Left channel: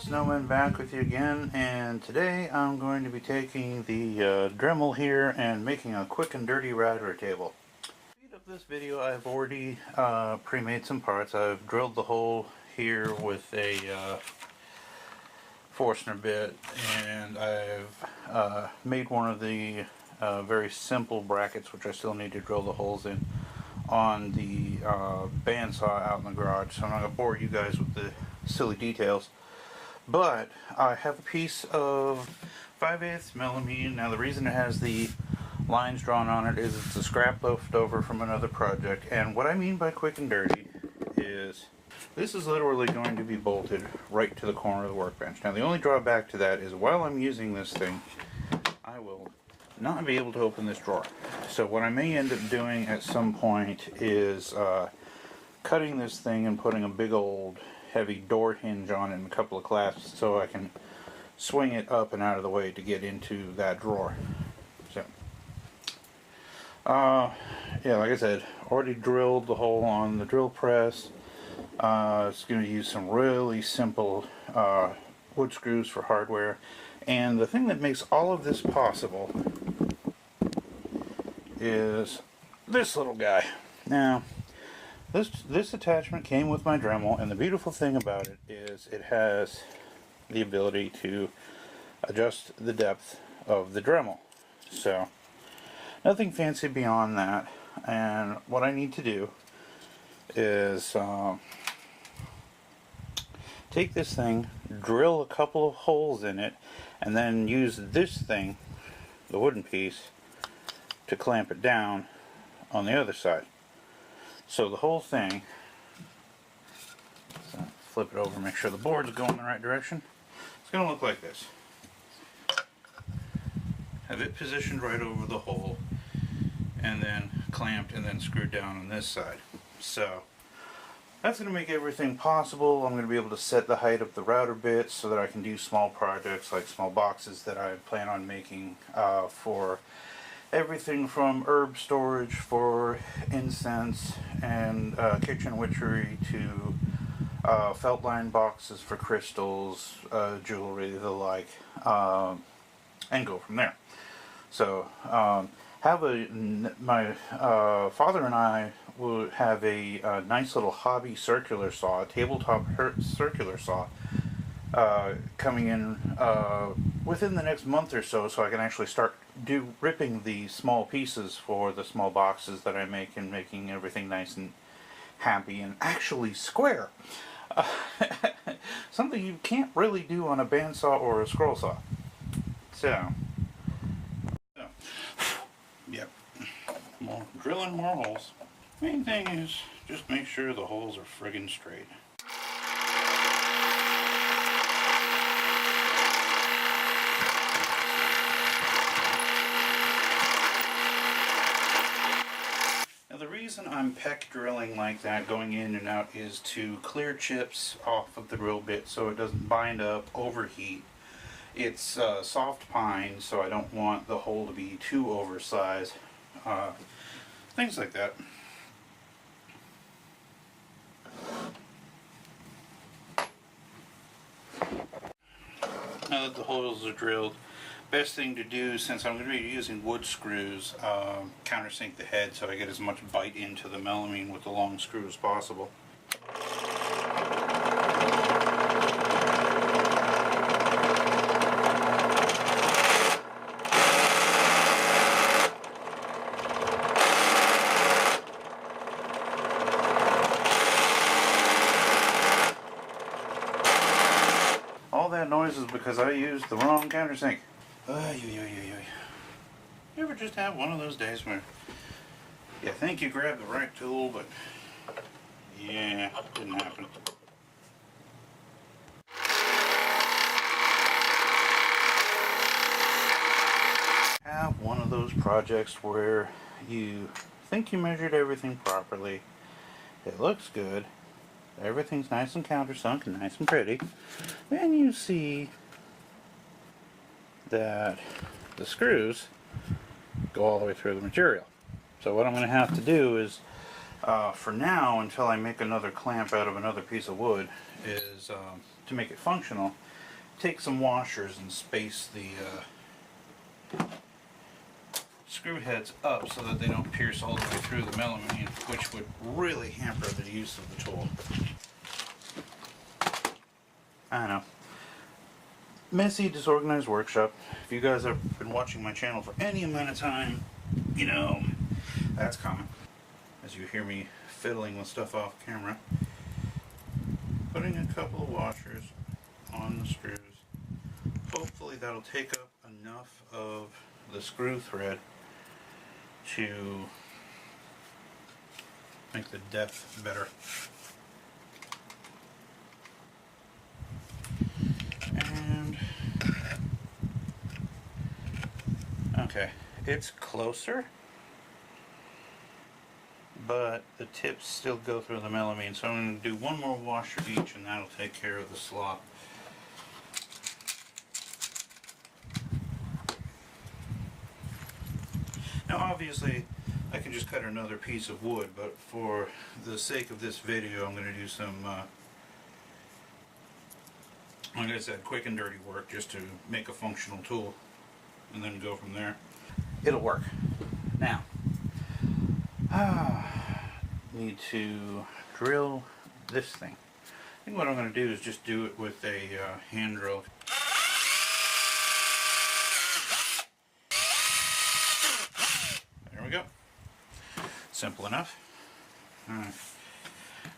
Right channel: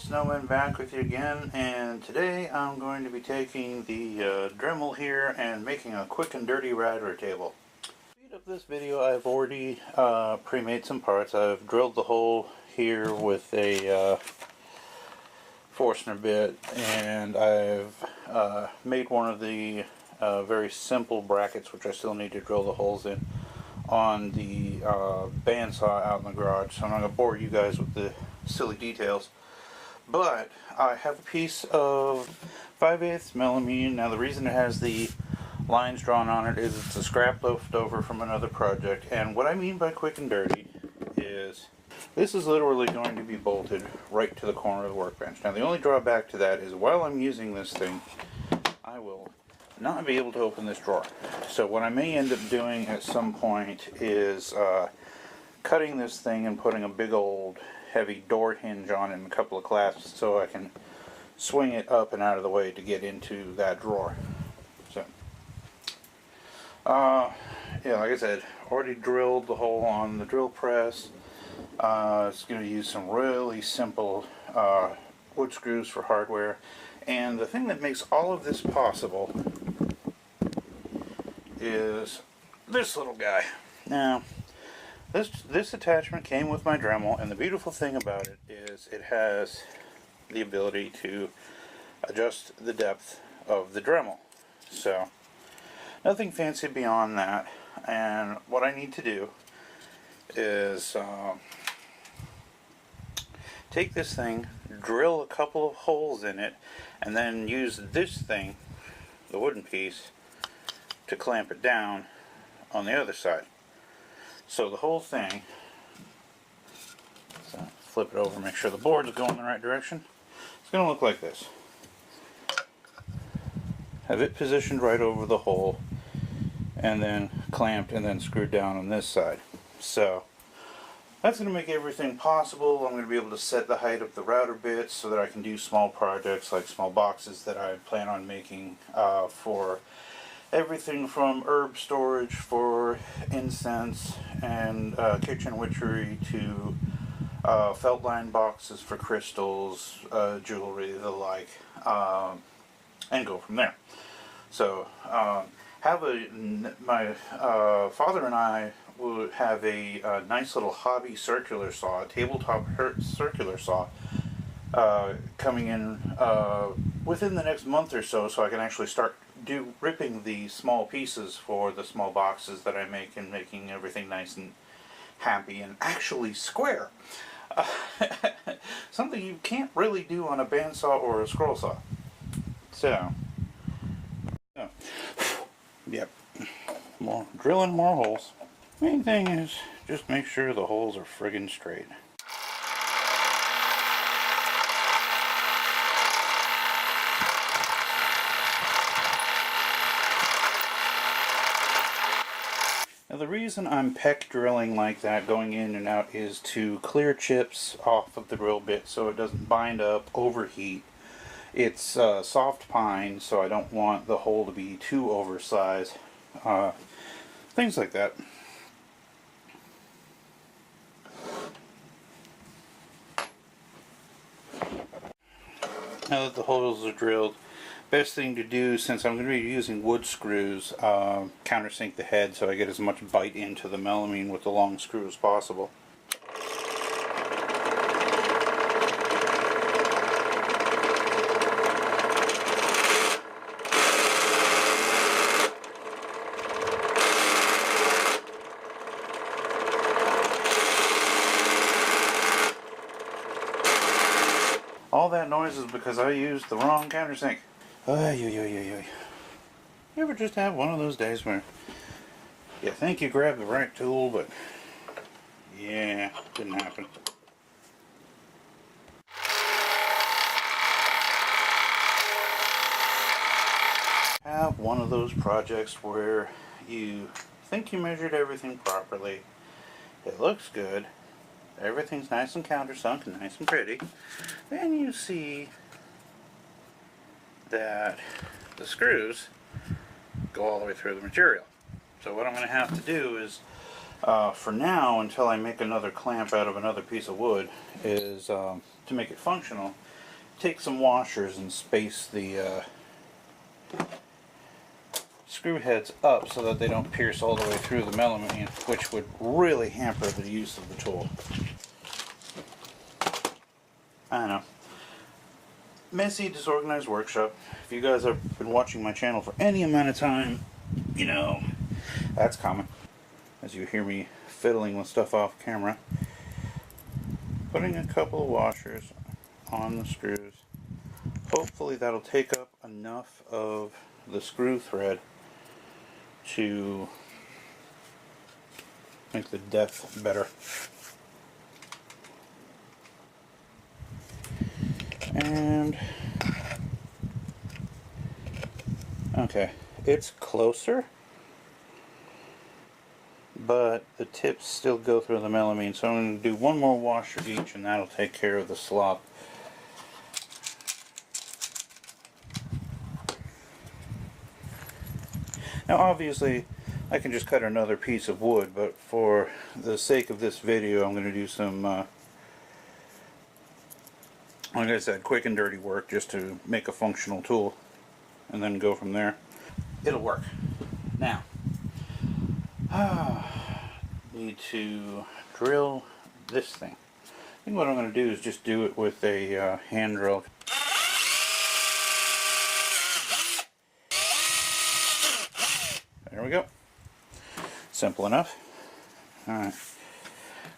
Snowman back with you again, and today I'm going to be taking the Dremel here and making a quick and dirty router table. To speed up this video, I've already pre-made some parts. I've drilled the hole here with a Forstner bit, and I've made one of the very simple brackets, which I still need to drill the holes in, on the bandsaw out in the garage. So I'm not going to bore you guys with the silly details. But I have a piece of 5/8 millimeter. Now the reason it has the lines drawn on it is it's a scrap left over from another project. And what I mean by quick and dirty is this is literally going to be bolted right to the corner of the workbench. Now the only drawback to that is while I'm using this thing, I will not be able to open this drawer. So what I may end up doing at some point is cutting this thing and putting a big old heavy door hinge on it and a couple of clasps so I can swing it up and out of the way to get into that drawer. So, yeah, like I said, already drilled the hole on the drill press. It's going to use some really simple wood screws for hardware. And the thing that makes all of this possible is this little guy. Now, this attachment came with my Dremel, and the beautiful thing about it is it has the ability to adjust the depth of the Dremel. So, nothing fancy beyond that. And what I need to do is take this thing, drill a couple of holes in it, and then use this thing, the wooden piece, to clamp it down on the other side. So the whole thing, so flip it over, make sure the board's going in the right direction. It's going to look like this. Have it positioned right over the hole, and then clamped and then screwed down on this side. So that's going to make everything possible. I'm going to be able to set the height of the router bits so that I can do small projects like small boxes that I plan on making for everything from herb storage for incense and kitchen witchery to felt line boxes for crystals, jewelry, the like, and go from there. So my father and I would have a nice little hobby circular saw, a tabletop circular saw, coming in within the next month or so I can actually start ripping the small pieces for the small boxes that I make and making everything nice and happy and actually square. Something you can't really do on a bandsaw or a scroll saw. So, yep, more drilling more holes. Main thing is just make sure the holes are friggin' straight. Now the reason I'm peck drilling like that, going in and out, is to clear chips off of the drill bit so it doesn't bind up, overheat. It's soft pine, so I don't want the hole to be too oversized. Things like that. Now that the holes are drilled, best thing to do, since I'm going to be using wood screws, countersink the head so I get as much bite into the melamine with the long screw as possible. All that noise is because I used the wrong countersink. You ever just have one of those days where you think you grabbed the right tool, but yeah, didn't happen. Have one of those projects where you think you measured everything properly, it looks good, everything's nice and countersunk and nice and pretty, then you see that the screws go all the way through the material. So what I'm going to have to do is, for now, until I make another clamp out of another piece of wood, is to make it functional, take some washers and space the screw heads up so that they don't pierce all the way through the melamine, which would really hamper the use of the tool. I know. Messy, disorganized workshop. If you guys have been watching my channel for any amount of time, you know, that's common. As you hear me fiddling with stuff off camera. Putting a couple of washers on the screws. Hopefully that'll take up enough of the screw thread to make the depth better. And okay, it's closer, but the tips still go through the melamine, so I'm going to do one more wash of each and that'll take care of the slop. Now obviously I can just cut another piece of wood, but for the sake of this video I'm going to do some, like I said, quick and dirty work just to make a functional tool and then go from there. It'll work. Now, need to drill this thing. I think what I'm going to do is just do it with a hand drill. There we go. Simple enough. Alright.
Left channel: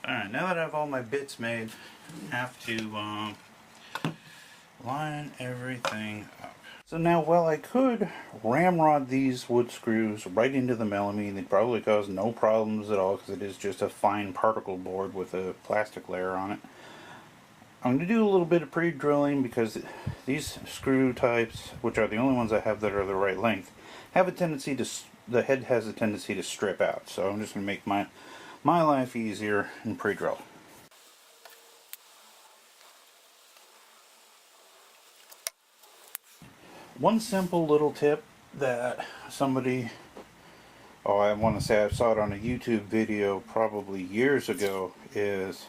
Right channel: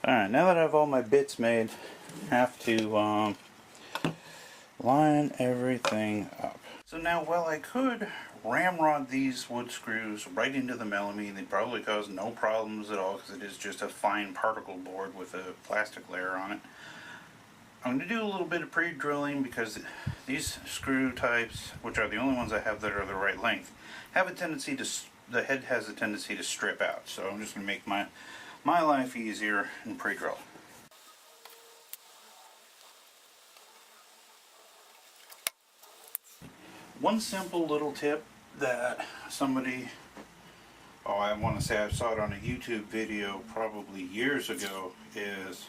Alright, now that I have all my bits made, I have to line everything up. So now, while I could ramrod these wood screws right into the melamine, they'd probably cause no problems at all because it is just a fine particle board with a plastic layer on it. I'm going to do a little bit of pre-drilling because these screw types, which are the only ones I have that are the right length, have a tendency to, the head has a tendency to strip out. So I'm just going to make my life easier and pre-drill. One simple little tip that somebody, I want to say I saw it on a YouTube video probably years ago, is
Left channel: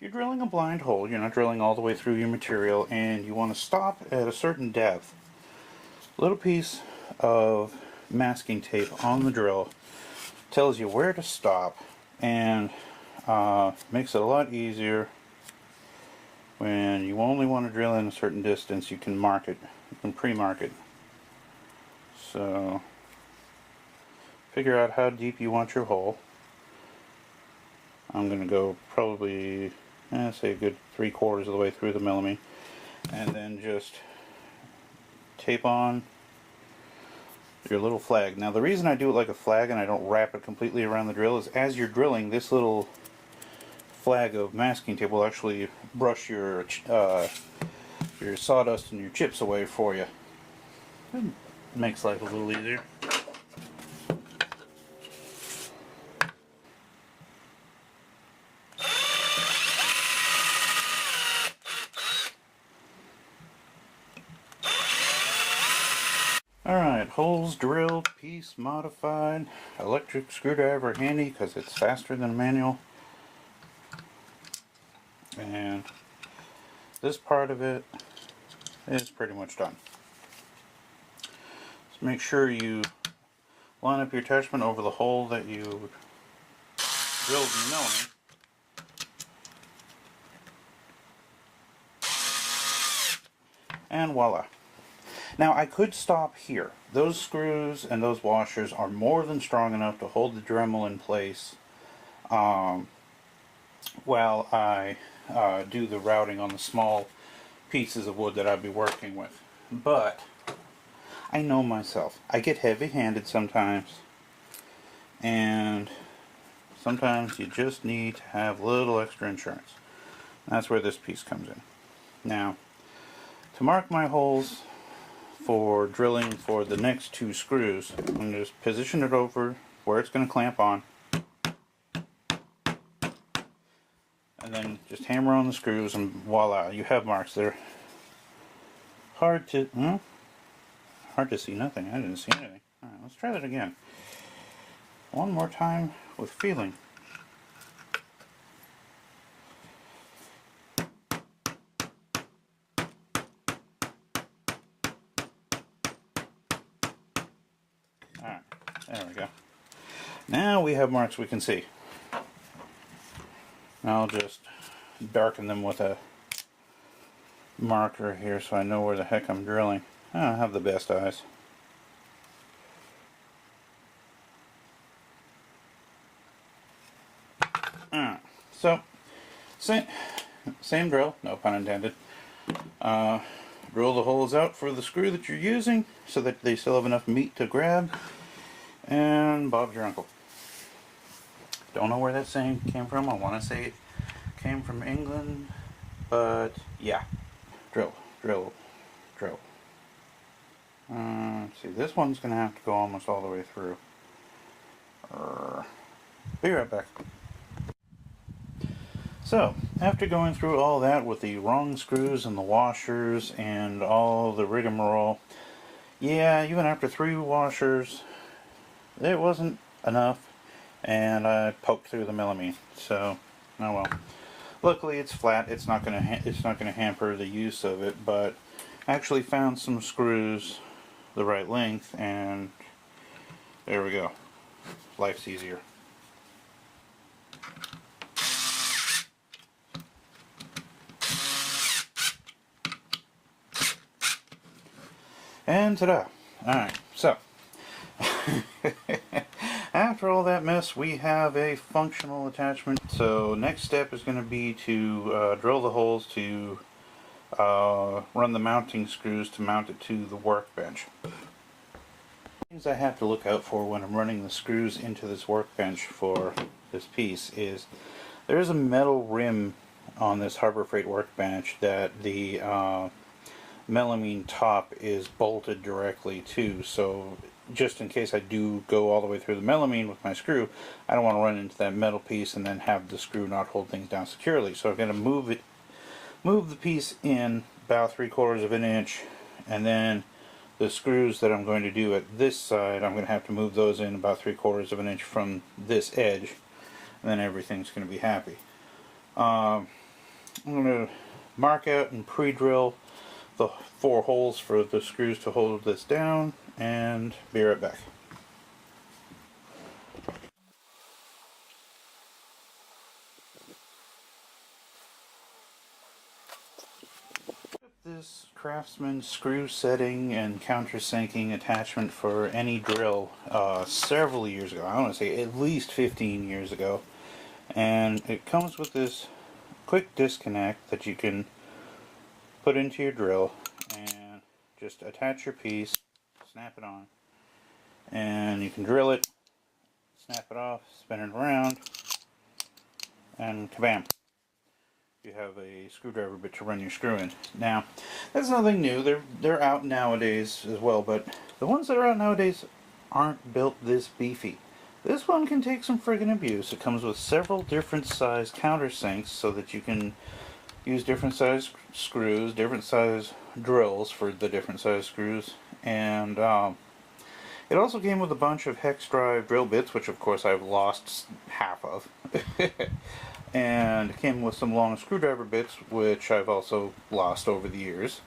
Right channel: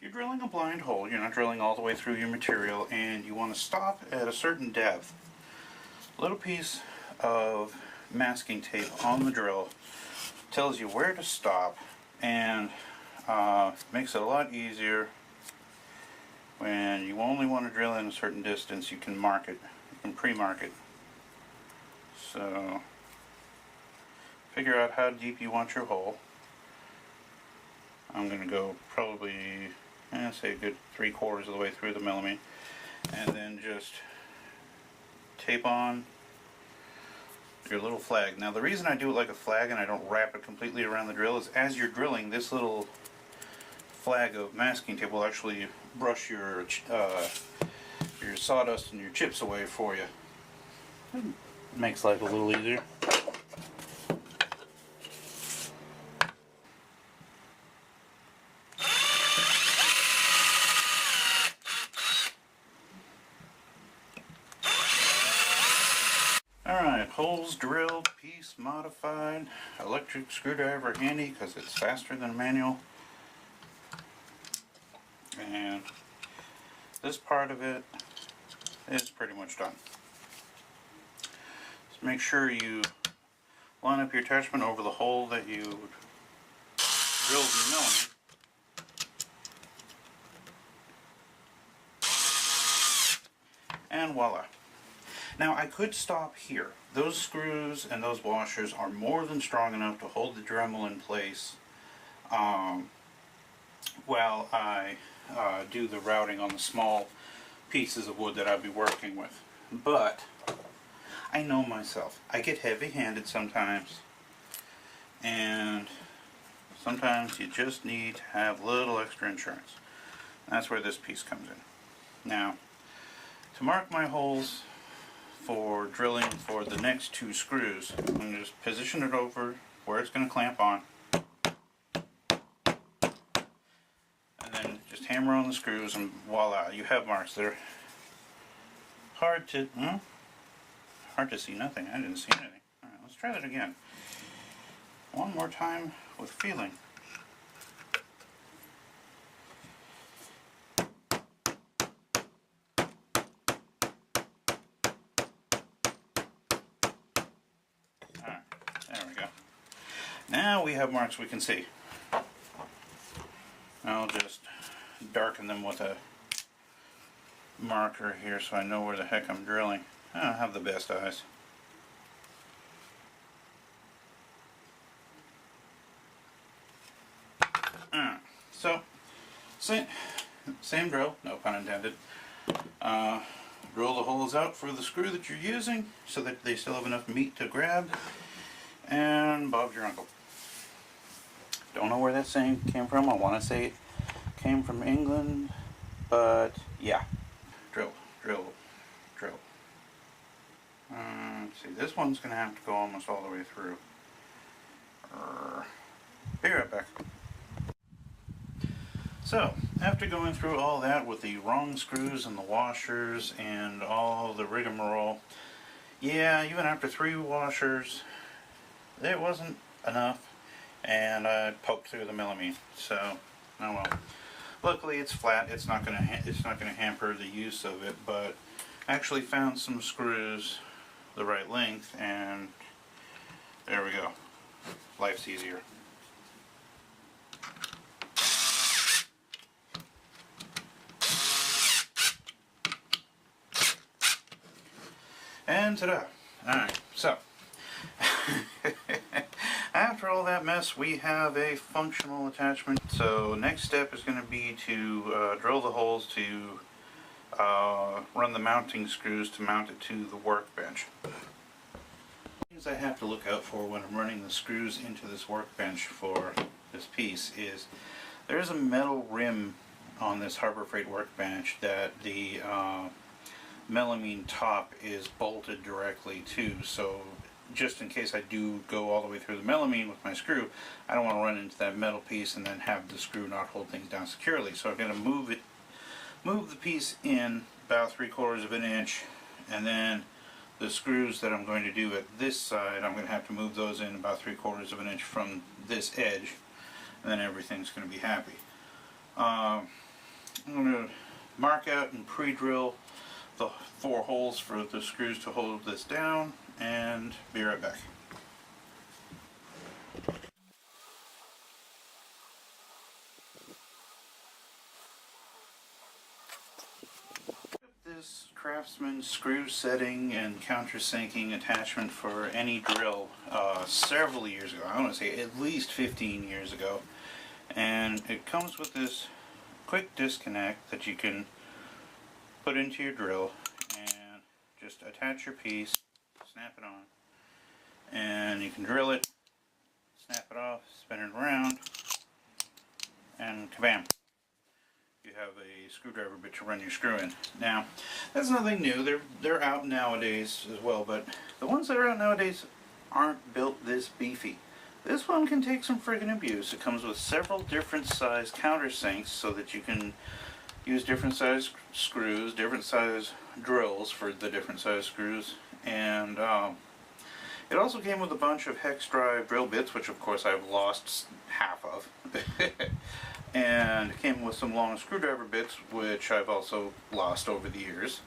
you're drilling a blind hole, you're not drilling all the way through your material, and you want to stop at a certain depth. A little piece of masking tape on the drill tells you where to stop, and makes it a lot easier. When you only want to drill in a certain distance, you can mark it. You can pre-mark it. So, figure out how deep you want your hole. I'm going to go probably, say a good 3/4 of the way through the melamine. And then just tape on your little flag. Now the reason I do it like a flag and I don't wrap it completely around the drill is as you're drilling, this little flag of masking tape will actually brush your sawdust and your chips away for you. It makes life a little easier. Alright, holes drilled, piece modified, electric screwdriver handy because it's faster than a manual. And this part of it is pretty much done. Just make sure you line up your attachment over the hole that you drilled your melamine. And voila. Now I could stop here. Those screws and those washers are more than strong enough to hold the Dremel in place while I do the routing on the small pieces of wood that I'll be working with. But I know myself. I get heavy-handed sometimes, and sometimes you just need to have a little extra insurance. That's where this piece comes in. Now, to mark my holes for drilling for the next two screws, I'm going to just position it over where it's going to clamp on, and then just hammer on the screws, and voila, you have marks there. Hard to see nothing. I didn't see anything. Alright, let's try that again. One more time with feeling. There we go. Now we have marks we can see. I'll just darken them with a marker here so I know where the heck I'm drilling. I don't have the best eyes. Alright, so same drill, no pun intended. Drill the holes out for the screw that you're using so that they still have enough meat to grab, and Bob's your uncle. Don't know where that saying came from. I want to say it came from England, but yeah. Drill, drill, drill. See, this one's going to have to go almost all the way through. Be right back. So, after going through all that with the wrong screws and the washers and all the rigmarole, yeah, even after 3 washers, it wasn't enough, and I poked through the melamine. So, oh well. Luckily, it's flat. It's not gonna hamper the use of it. But I actually found some screws the right length, and there we go. Life's easier. And ta-da! Alright, so after all that mess, we have a functional attachment. So next step is going to be to drill the holes to run the mounting screws to mount it to the workbench. Things I have to look out for when I'm running the screws into this workbench for this piece is there's a metal rim on this Harbor Freight workbench that the melamine top is bolted directly to, so just in case I do go all the way through the melamine with my screw, I don't want to run into that metal piece and then have the screw not hold things down securely. So I've got to move the piece in about 3/4 of an inch, and then the screws that I'm going to do at this side, I'm going to have to move those in about 3/4 of an inch from this edge, and then everything's going to be happy. I'm going to mark out and pre-drill the 4 holes for the screws to hold this down, and be right back. This Craftsman screw setting and countersinking attachment for any drill several years ago. I want to say at least 15 years ago, and it comes with this quick disconnect that you can put into your drill and just attach your piece, snap it on, and you can drill it, snap it off, spin it around, and kabam! You have a screwdriver bit to run your screw in. Now, that's nothing new. They're out nowadays as well, but the ones that are out nowadays aren't built this beefy. This one can take some friggin' abuse. It comes with several different size countersinks so that you can use different size screws, different size drills for the different size screws, and it also came with a bunch of hex drive drill bits, which of course I've lost half of. And it came with some long screwdriver bits, which I've also lost over the years,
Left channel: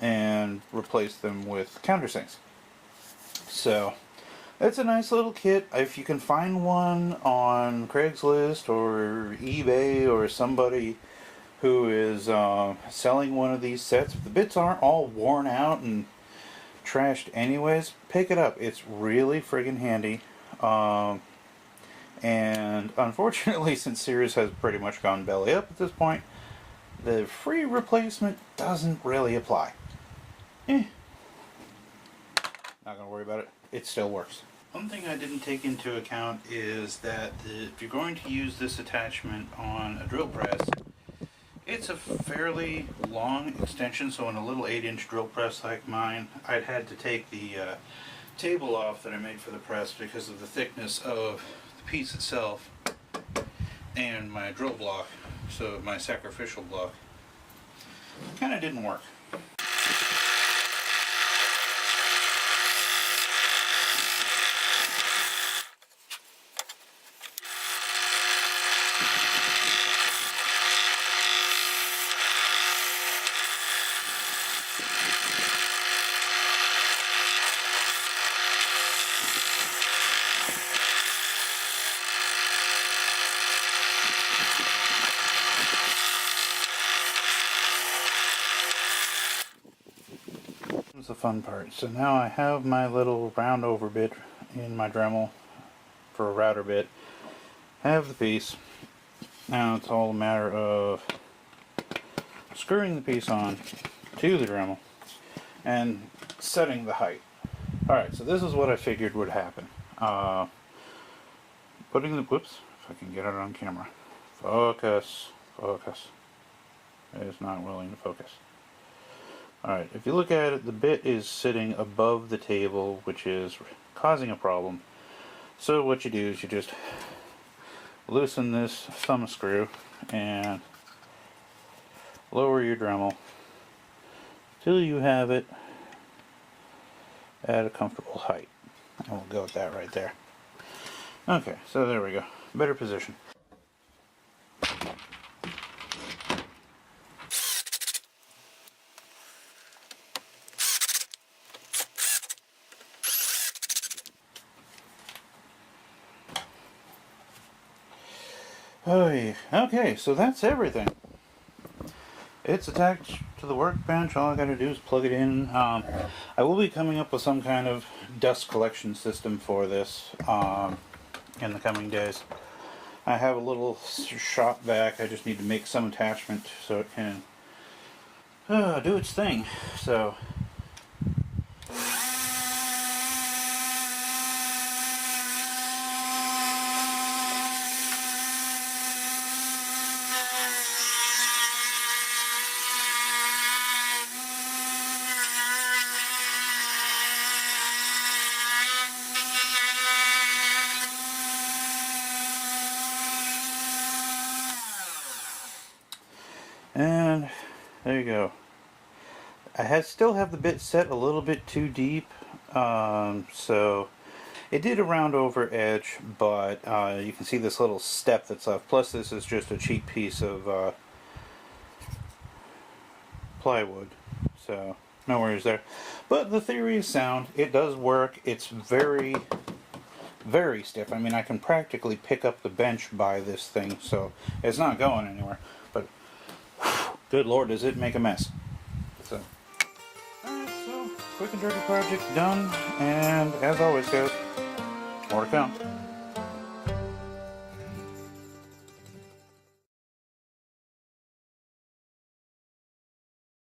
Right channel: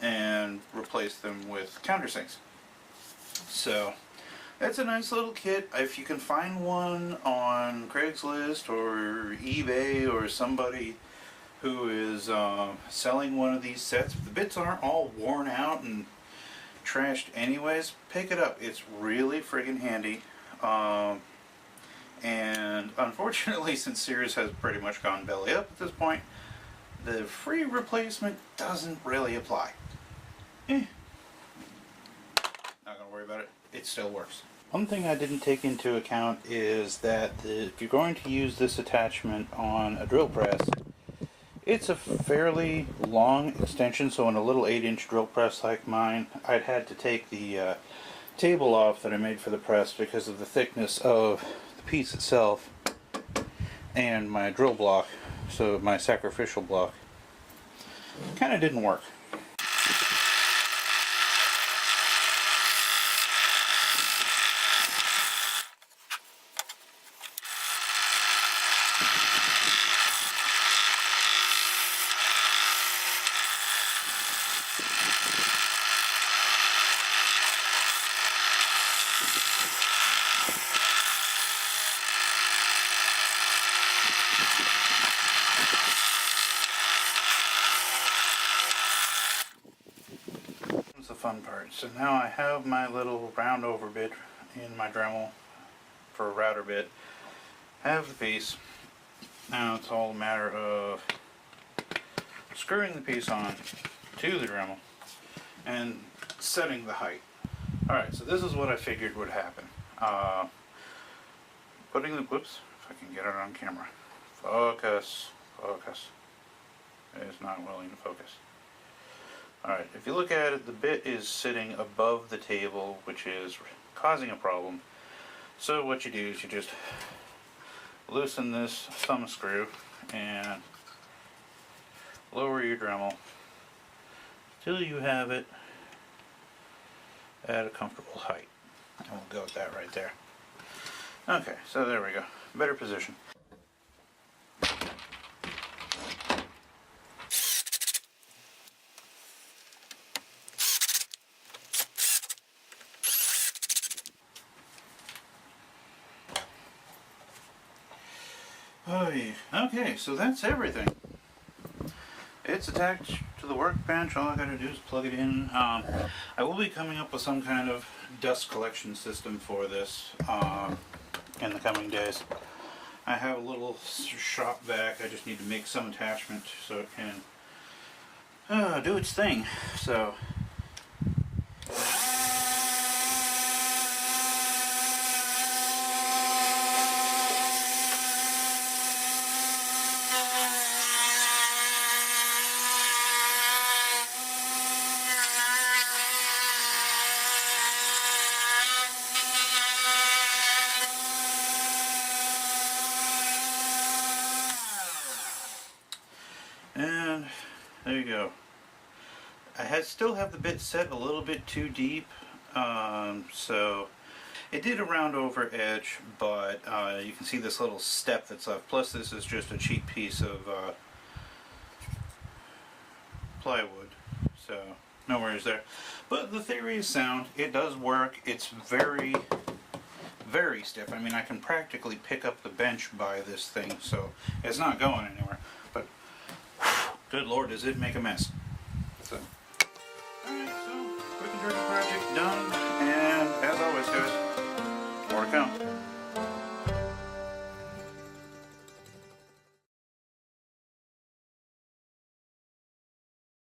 and replaced them with countersinks. So it's a nice little kit. If you can find one on Craigslist or eBay or somebody who is selling one of these sets, if the bits aren't all worn out and trashed anyways, pick it up. It's really friggin' handy. And unfortunately, since Sears has pretty much gone belly up at this point, the free replacement doesn't really apply. Not gonna worry about it. It still works. One thing I didn't take into account is that if you're going to use this attachment on a drill press, it's a fairly long extension, so on a little 8-inch drill press like mine, I'd had to take the table off that I made for the press because of the thickness of the piece itself and my drill block, so my sacrificial block. Kind of didn't work. fun part. So now I have my little round over bit in my Dremel for a router bit. I have the piece. Now it's all a matter of screwing the piece on to the Dremel and setting the height. Alright, so this is what I figured would happen. Whoops, if I can get it on camera. Focus. It's not willing to focus. Alright, if you look at it, the bit is sitting above the table, which is causing a problem. So what you do is you just loosen this thumb screw and lower your Dremel till you have it at a comfortable height. And we'll go with that right there. Okay, so there we go. Better position. Oh yeah. Okay, so that's everything. It's attached to the workbench. All I gotta do is plug it in. I will be coming up with some kind of dust collection system for this in the coming days. I have a little shop vac. I just need to make some attachment so it can do its thing. So. And there you go. I still have the bit set a little bit too deep, so it did a round over edge, but you can see this little step that's left. Plus this is just a cheap piece of plywood, so no worries there. But the theory is sound. It does work. It's very, very stiff. I mean, I can practically pick up the bench by this thing, so it's not going anywhere. But good Lord, does it make a mess. So, alright, so quick and dirty project done, and as always guys, more to come.